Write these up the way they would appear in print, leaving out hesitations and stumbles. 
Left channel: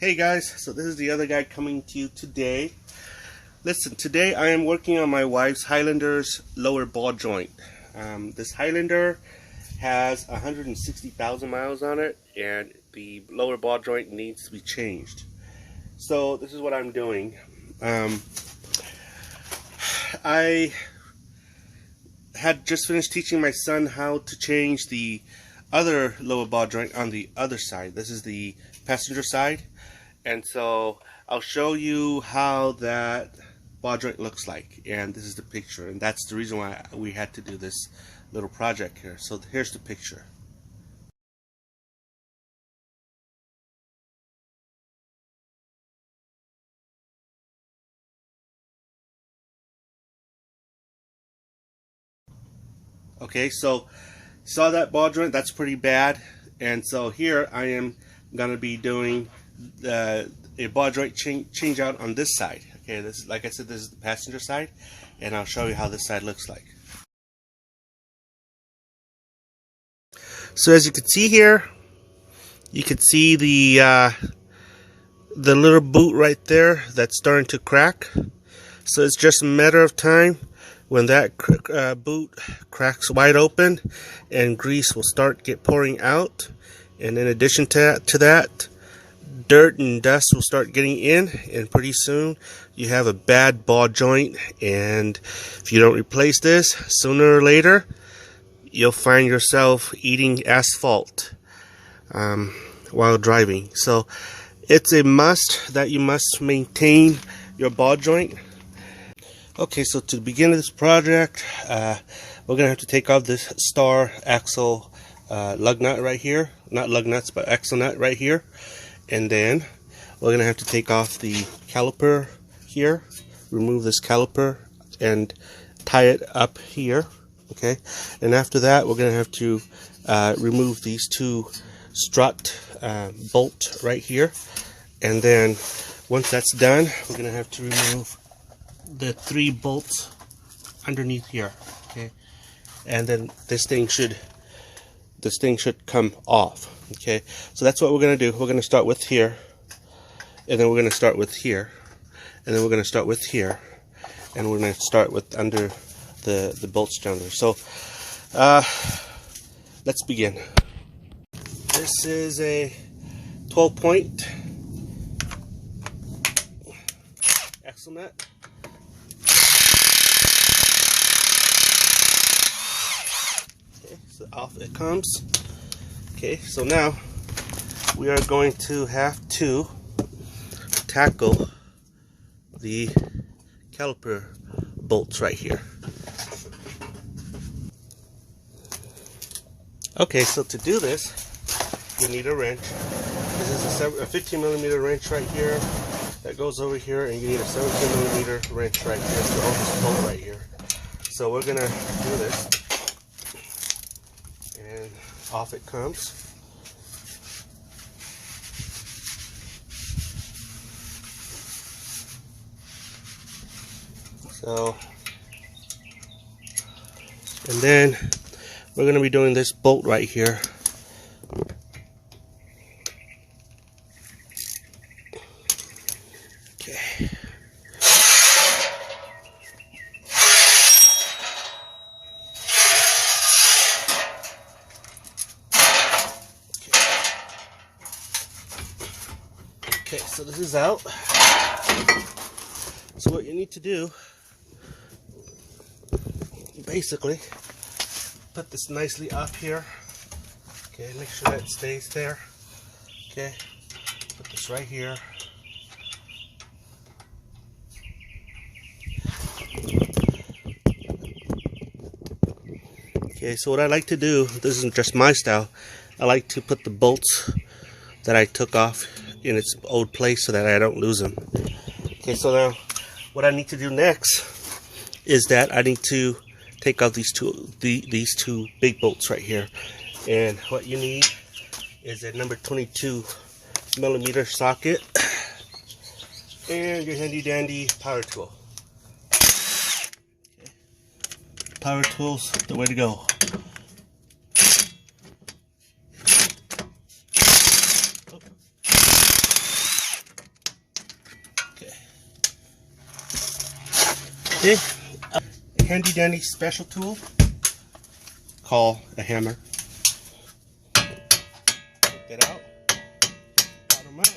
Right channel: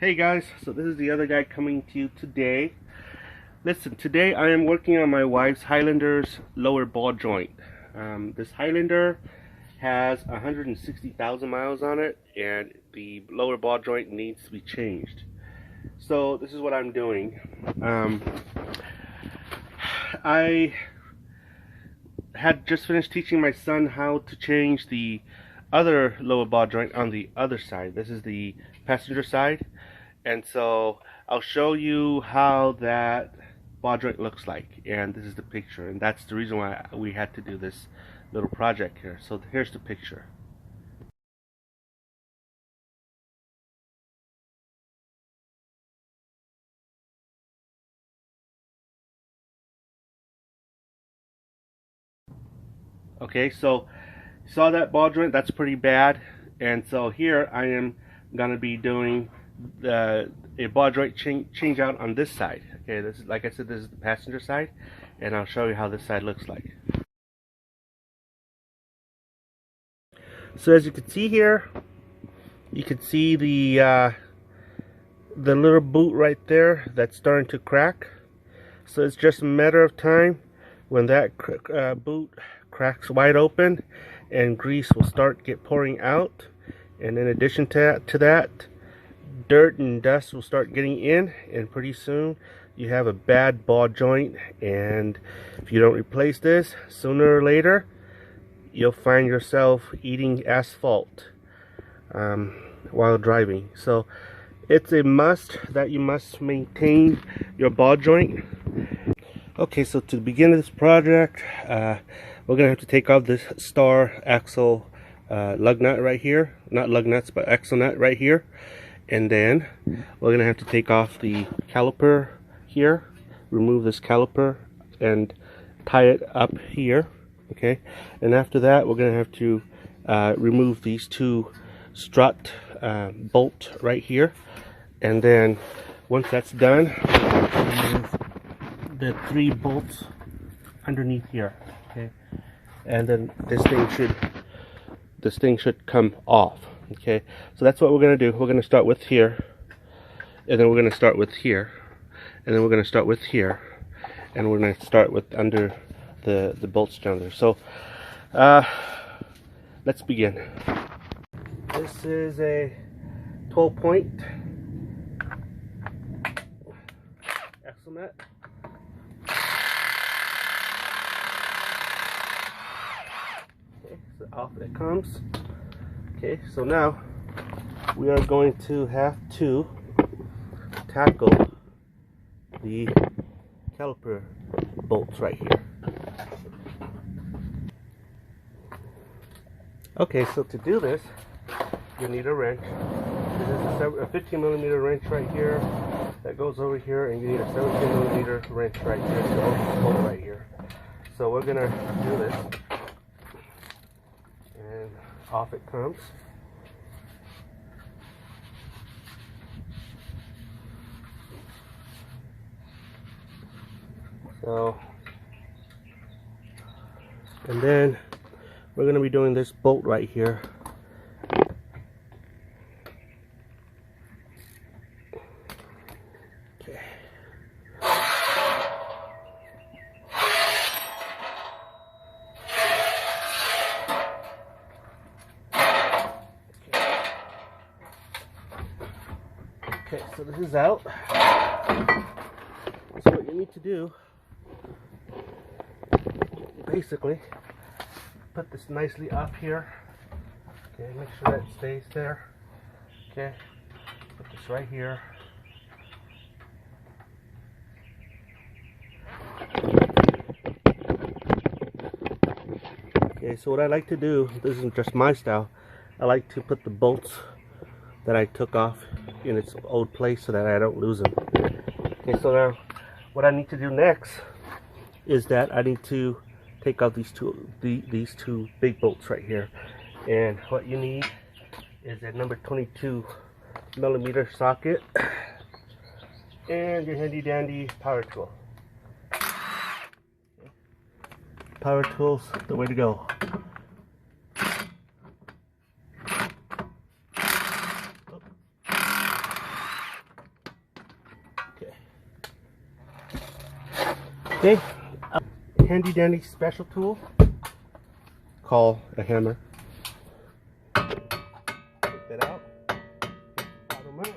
Hey guys, so this is the other guy coming to you today. Listen, today I am working on my wife's Highlander's lower ball joint. This Highlander has 160,000 miles on it, and the lower ball joint needs to be changed. So this is what I'm doing. I had just finished teaching my son how to change the other lower ball joint on the other side. This is the passenger side, and so I'll show you how that ball joint looks like, and this is the picture, and that's the reason why we had to do this little project here. So here's the picture. Okay, so saw that ball joint? That's pretty bad. And so here I am gonna be doing a ball joint change out on this side. Okay, this is, like I said, this is the passenger side, and I'll show you how this side looks like. So as you can see here, you can see the little boot right there that's starting to crack. So it's just a matter of time when that boot cracks wide open, and grease will start pouring out. And in addition to that, dirt and dust will start getting in, and pretty soon you have a bad ball joint. And if you don't replace this, sooner or later you'll find yourself eating asphalt while driving. So it's a must that you must maintain your ball joint. Okay, so to begin this project, we're gonna have to take off this star axle lug nut right here. Not lug nuts, but axle nut right here. And then we're gonna have to take off the caliper here, remove this caliper and tie it up here. Okay, and after that we're gonna have to remove these two strut bolt right here. And then once that's done, we're gonna have to remove the 3 bolts underneath here. Okay, and then this thing should come off. Okay, so that's what we're gonna do. We're gonna start with here, and then we're gonna start with here, and then we're gonna start with here, and we're gonna start with under the bolts down there. So let's begin. This is a 12-point axle nut. So off it comes. Okay, so now we are going to have to tackle the caliper bolts right here. Okay, so to do this, you need a wrench. This is a 15mm wrench right here that goes over here, and you need a 17mm wrench right here for this bolt right here. So we're gonna do this. And off it comes. So, and then we're going to be doing this bolt right here. Okay. Okay, so this is out. So what you need to do, you basically put this nicely up here. Okay, make sure that stays there. Okay, put this right here. Okay, so what I like to do, this isn't just my style, I like to put the bolts that I took off in its old place so that I don't lose them. Okay, so now what I need to do next is that I need to take out these two big bolts right here. And what you need is a number 22mm socket and your handy dandy power tool. Okay. Power tool's the way to go. Okay, handy dandy special tool called a hammer. Take that out. Bottom out.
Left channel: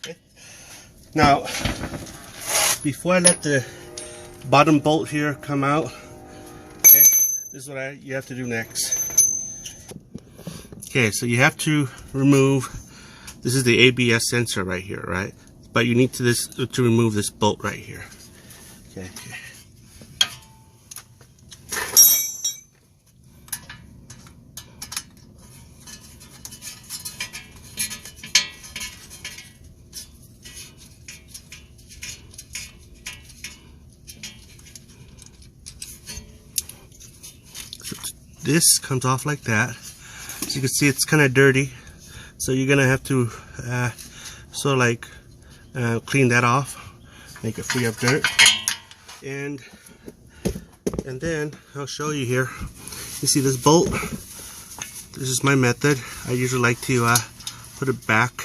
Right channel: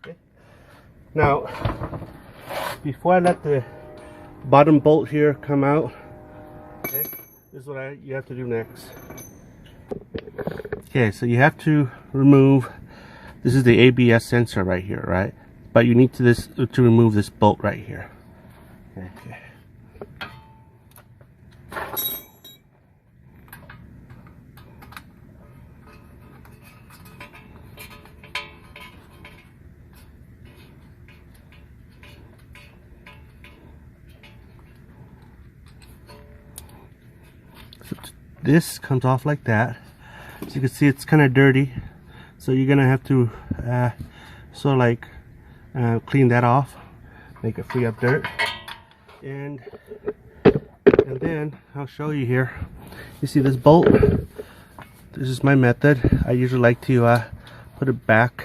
Okay. Now, before I let the bottom bolt here come out, okay, this is what you have to do next. Okay, so you have to remove, this is the ABS sensor right here, right? But you need to remove this bolt right here. Okay. So this comes off like that. As you can see, it's kind of dirty, so you're gonna have to sort of like clean that off, make it free of dirt, and then I'll show you here. You see this bolt? This is my method. I usually like to put it back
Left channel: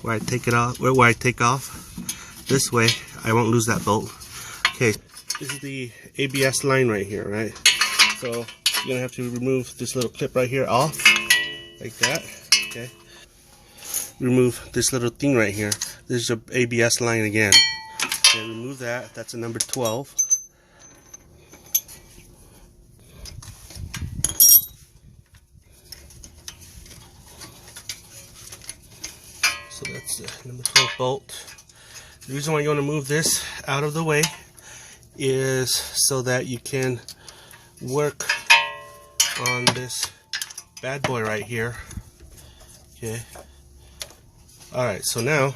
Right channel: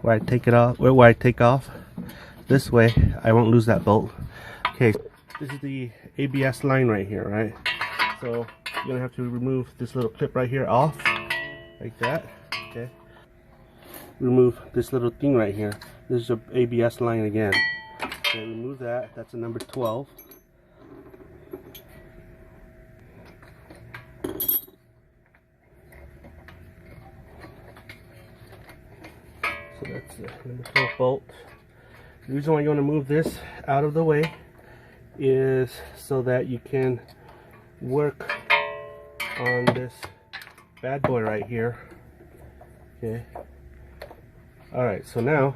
where I take it off, where I take off. This way, I won't lose that bolt. Okay, this is the ABS line right here, right? So you're gonna have to remove this little clip right here off, like that. Okay. Remove this little thing right here. This is your ABS line again. Okay, remove that. That's a number 12. So that's the number 12 bolt. The reason why you want to move this out of the way is so that you can work on this bad boy right here. Okay. Alright, so now,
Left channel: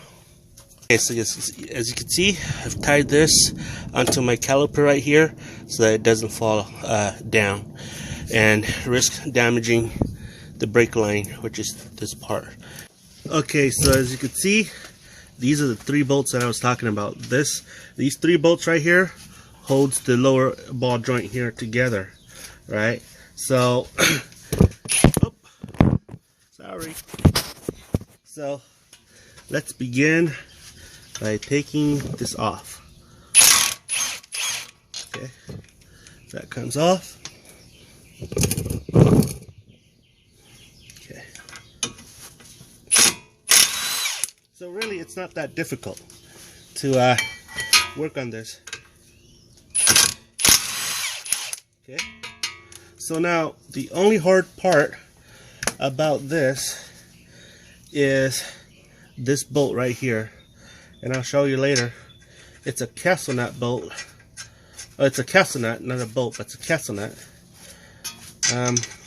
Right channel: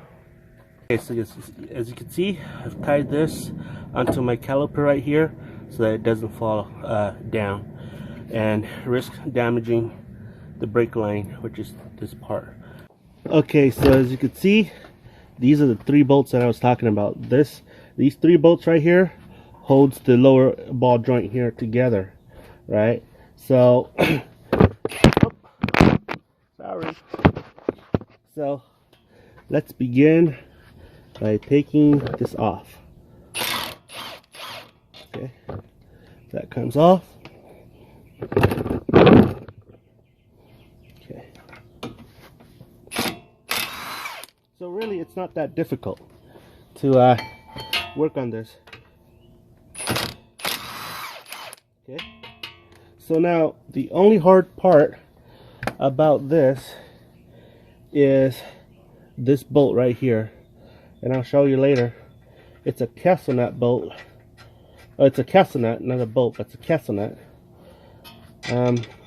okay, so as you can see, I've tied this onto my caliper right here so that it doesn't fall down and risk damaging the brake line, which is this part. Okay, so as you can see, these are the 3 bolts that I was talking about. These 3 bolts right here holds the lower ball joint here together, right? So, sorry. So, let's begin by taking this off. Okay, that comes off. Okay. So really, it's not that difficult to work on this. Okay. So now, the only hard part about this is this bolt right here, and I'll show you later. It's a castle nut bolt. Oh, it's a castle nut, not a bolt, but it's a castle nut.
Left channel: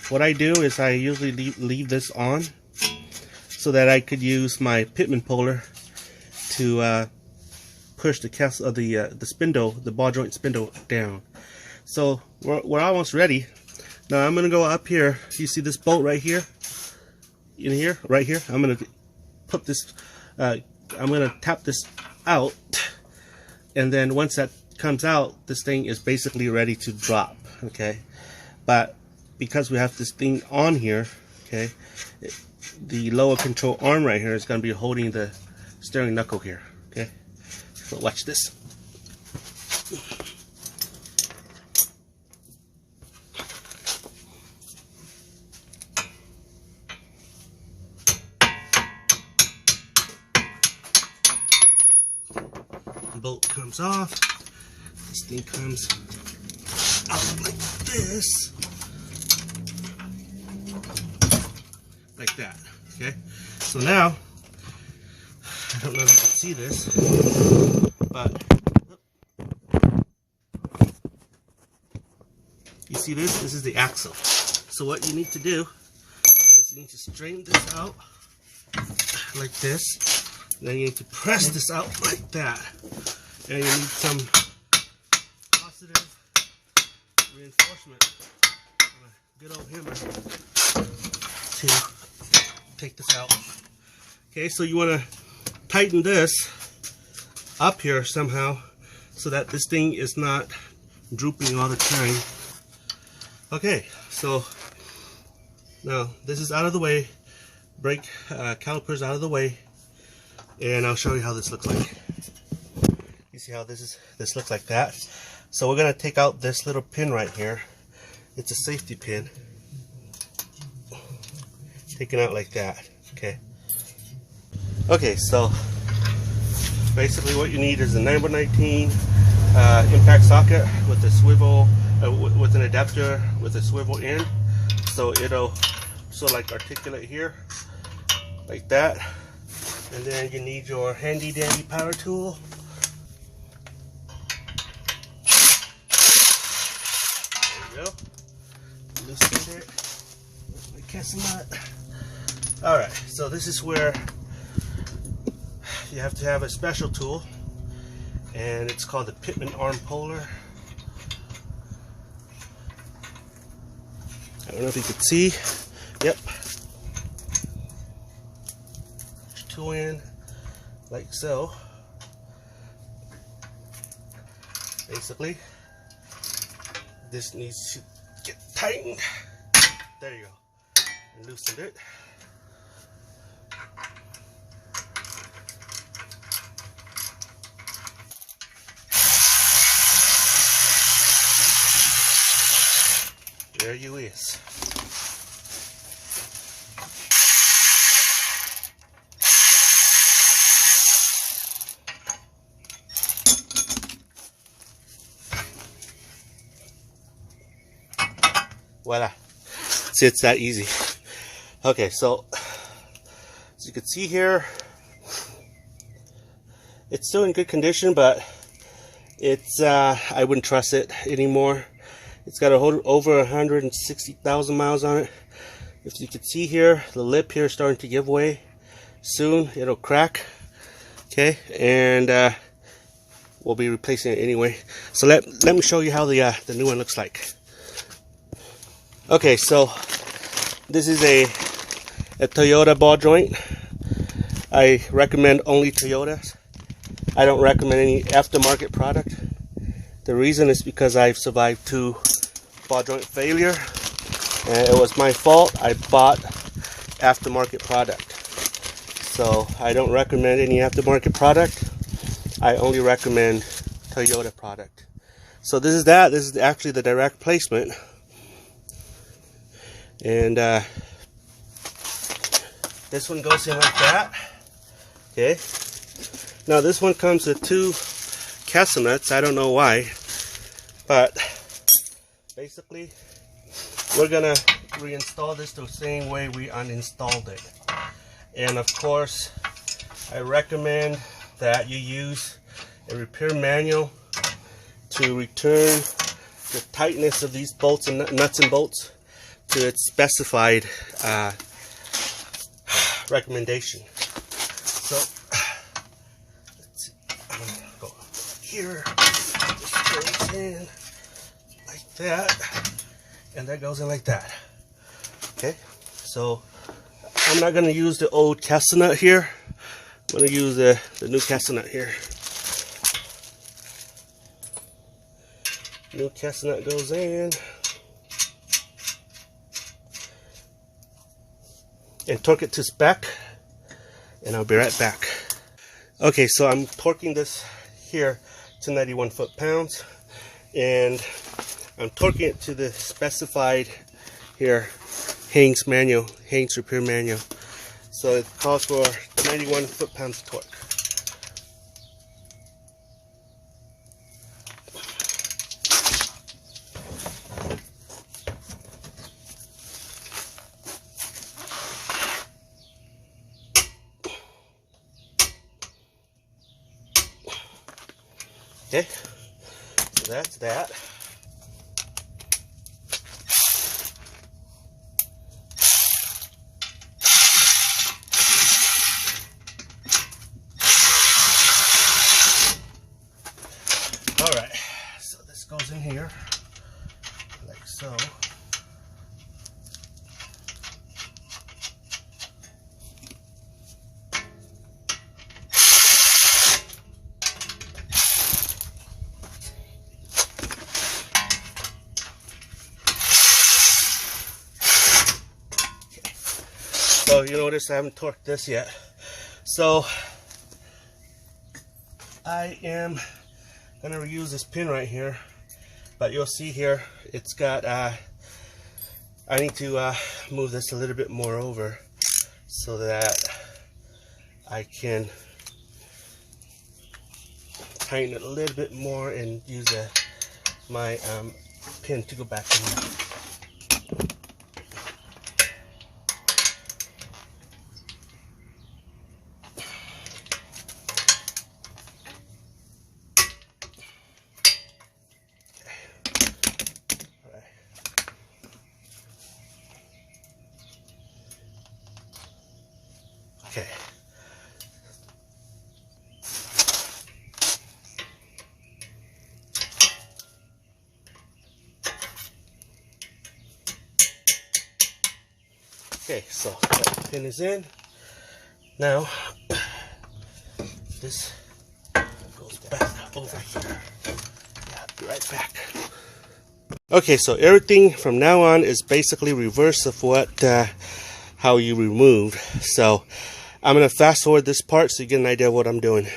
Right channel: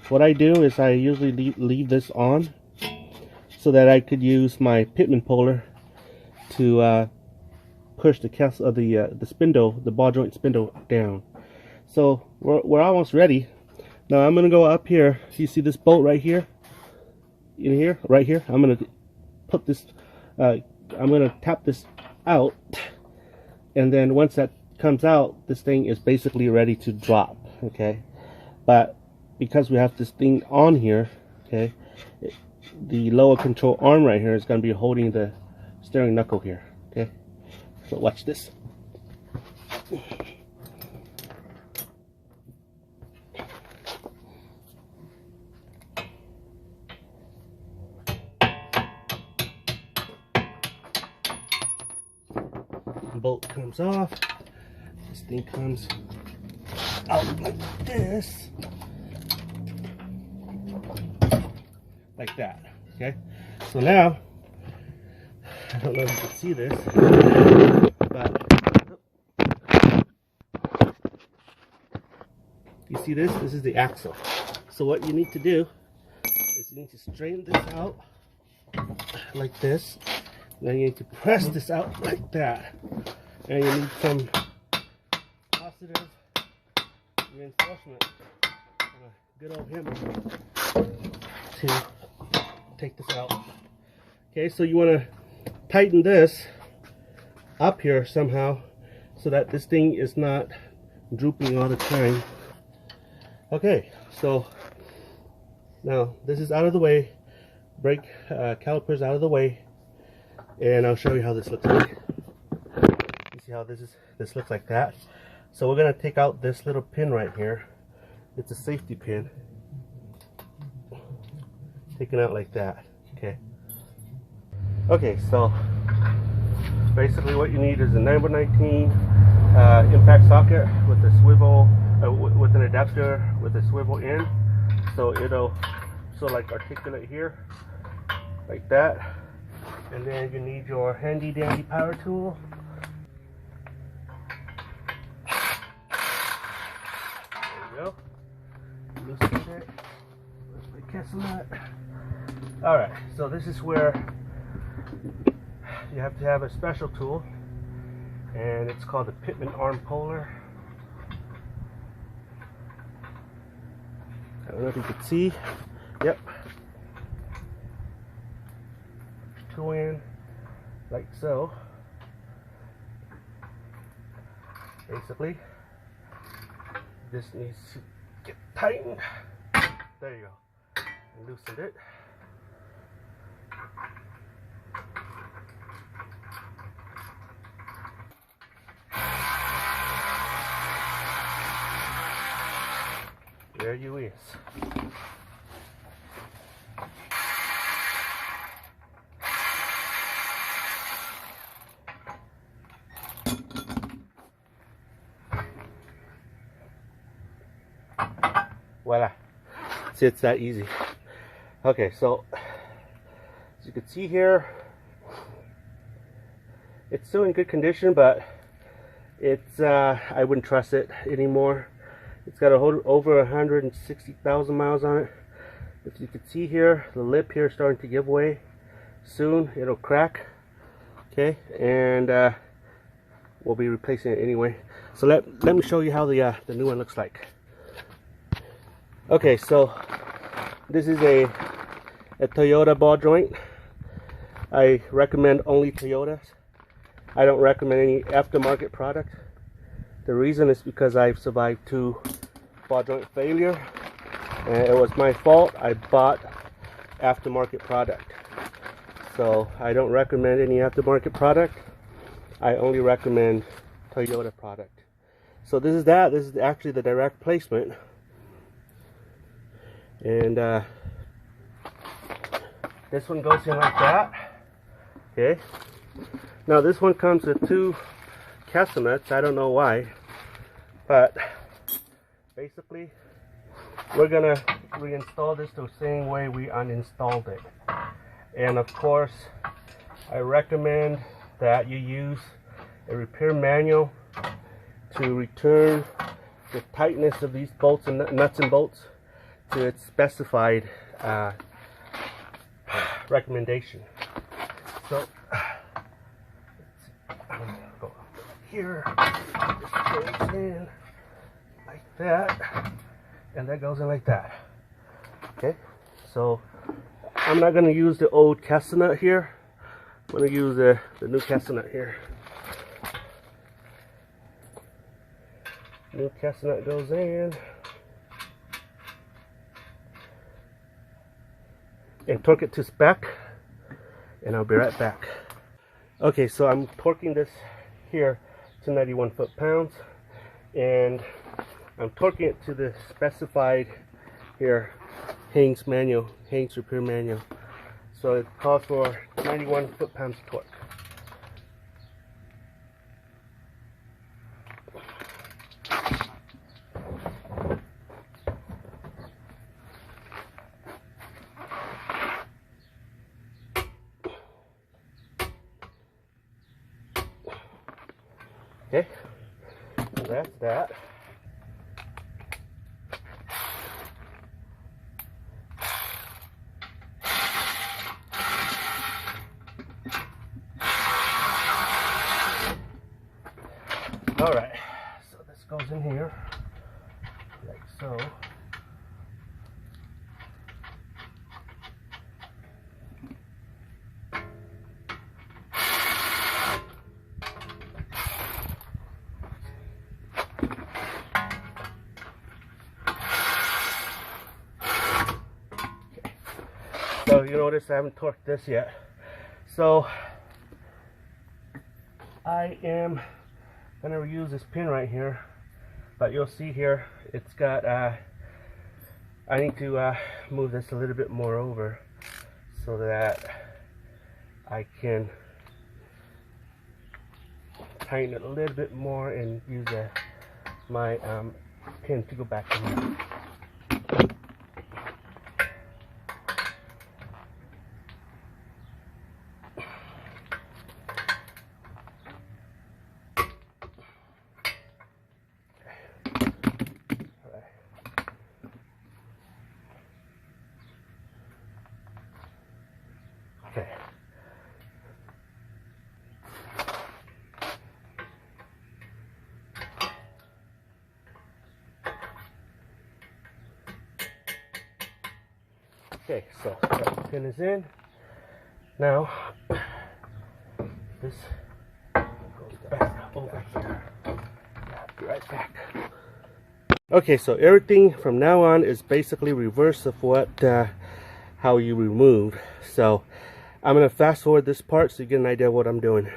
What I do is I usually leave this on so that I could use my pitman puller to push the castle, the spindle, the ball joint spindle down. So we're almost ready. Now I'm gonna go up here. You see this bolt right here? In here, right here. I'm gonna put this. I'm gonna tap this out, and then once that comes out, this thing is basically ready to drop. Okay, but because we have this thing on here, okay, the lower control arm right here is gonna be holding the steering knuckle here. Okay, so watch this. Bolt comes off. This thing comes out like this, like that. Okay, so now I don't know if you can see this, but you see this? This is the axle. So what you need to do is you need to straighten this out like this. Then you need to press this out like that. And you need some positive reinforcement on a good old hammer to take this out. Okay, so you want to tighten this up here somehow so that this thing is not drooping all the time. Okay, so Now this is out of the way, brake calipers out of the way, and I'll show you how this looks like. You see how this looks like that? So we're gonna take out this little pin right here. It's a safety pin. Taken out like that. Okay. Okay, so basically what you need is a 9x19 impact socket with a swivel, with an adapter with a swivel end. So it'll like articulate here, like that. And then you need your handy dandy power tool. There you go. Loosen it. Where's my castle nut? Alright, so this is where you have to have a special tool, and it's called the Pitman arm puller. I don't know if you can see. Yep. Push tool in like so. Basically, this needs to get tightened. There you go. And loosened it. There you is. Voila. See, it's that easy. Okay, so as you can see here, it's still in good condition, but it's I wouldn't trust it anymore. It's got over 160,000 miles on it. If you can see here, the lip here is starting to give way. Soon it'll crack. Okay, and we'll be replacing it anyway. So let me show you how the new one looks like. Okay, so this is a Toyota ball joint. I recommend only Toyotas. I don't recommend any aftermarket product. The reason is because I've survived 2 ball joint failure, and it was my fault. I bought aftermarket product, so I don't recommend any aftermarket product. I only recommend Toyota product. So this is actually the direct placement, and this one goes in like that. Okay, now this one comes with 2 castle nuts. I don't know why, but basically we're gonna reinstall this the same way we uninstalled it. And of course, I recommend that you use a repair manual to return the tightness of these bolts and nuts and bolts to its specified recommendation. So let's see. I'm gonna go here. This goes in like that, and that goes in like that. Okay, so I'm not going to use the old castle nut here. I'm going to use the new castle nut here. New castle nut goes in, and torque it to spec, and I'll be right back. Okay, so I'm torquing this here to 91 foot-pounds, and I'm torquing it to the specified here Haynes repair manual. So it calls for 91 foot-pounds torque. Okay, so that's that. All right, so this goes in here like so. So you notice I haven't torqued this yet. So I am gonna use this pin right here, but you'll see here it's got I need to move this a little bit more over so that I can tighten it a little bit more and use my pin to go back in there. Okay. Okay, so that pin is in. Now, this goes back over here. I'll be right back. Okay, so everything from now on is basically reverse of what how you removed. So I'm gonna fast forward this part so you get an idea of what I'm doing.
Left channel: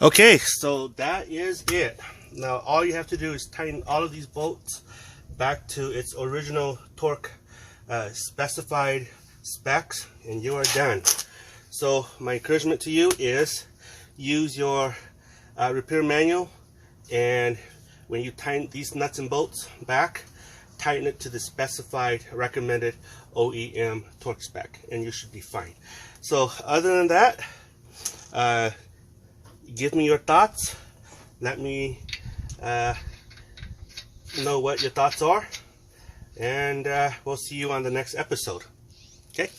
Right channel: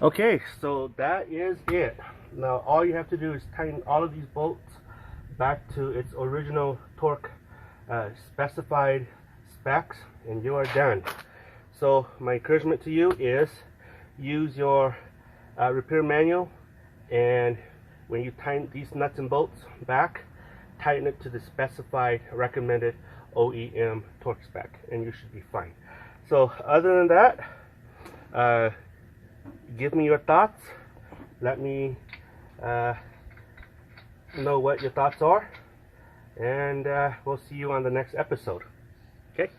Okay, so that is it. Now all you have to do is tighten all of these bolts back to its original torque specified specs, and you are done. So my encouragement to you is use your repair manual, and when you tighten these nuts and bolts back, tighten it to the specified recommended OEM torque spec, and you should be fine. So other than that, give me your thoughts. Let me know what your thoughts are, and we'll see you on the next episode. Okay.